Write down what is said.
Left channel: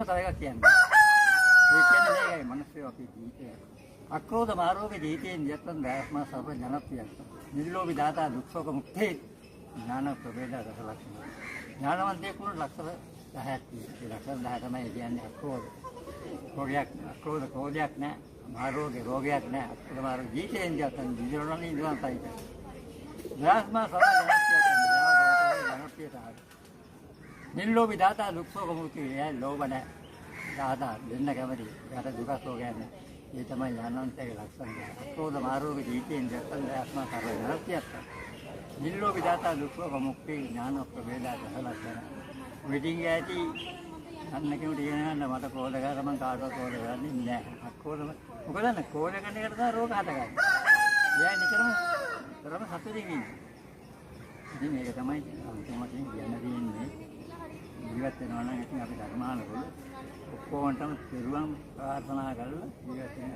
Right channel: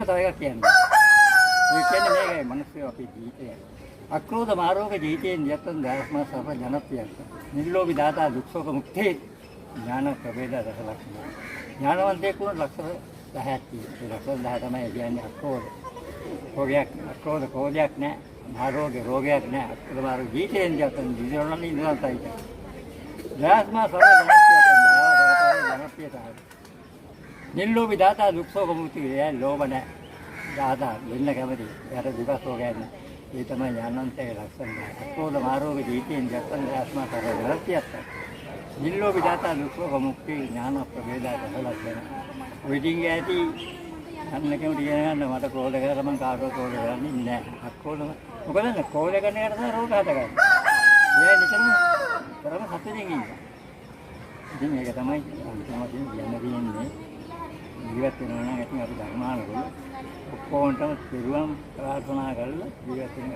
තව එකක් කියන්නේ. ඒ කියන්නේ මේකයි මිනිස්සු අපේ ජීවිතය. අක්‍රෝධ මාර්ග ජීවිතයෙන් යත්තන් දාස්මා සර්ව ජනප්‍රියක්. නිර්ලෝභී දාතා දුක්ඛෝක මුක්තේ ඥාන ප්‍රවේද රසලක්ෂණ. ඥානවන්තයෙක් වුණ ලක්ෂණ 10ක් තියෙනවා. ඒ ලක්ෂණ 10 තමයි කියන්නේ අක්‍රෝධ. අක්‍රෝධ කෝධයක් නැහැ. ආරෝග්‍ය රෝගයක් නැහැ. අක්‍රෝධ මාර්ග ජීවිතයෙන් යත්තන් දිවිරොල්ලන්නේ ඉඳලා තමයි. දාස්මා සර්ව ජනප්‍රියතාවය. නිර්ලෝභී දාතා දුක්ඛෝක මුක්තිය ලෝභ නැහැ. දාදා දෙන්න කැමති. යට දුක සෝගයන්. ඒ තමයි ඥානන්තයේ ලක්ෂණ. අක්‍රෝධ මාර්ග ජීවිතයෙන් යත්තන් දාස්මා සර්ව ජනප්‍රියක්. නිර්ලෝභී දාතා දුක්ඛෝක මුක්තිය ඥාන ප්‍රවේද රසලක්ෂණ. වෙඩින් ඇති අන්න කෙනෙකුට කියන්න මට කෝල කරලා මං කාටවත් කෝල කරන්නේ නැහැ. අක්කෝල මොකද කෝල කරන එකට තමයි රෝග හදගන්නේ. ඒ නිතරම තරම සතුටින් ඉන්නේ. ඉතින් මේක තමයි අන්තිමට කියන්නේ ජීවත් වෙනවා නම් ඉතින් අපි ධර්මානුකූල ඔක්කොන්ටම පිරුවම් ප්‍රාර්ථනා කරලා ජීවත් වෙන්න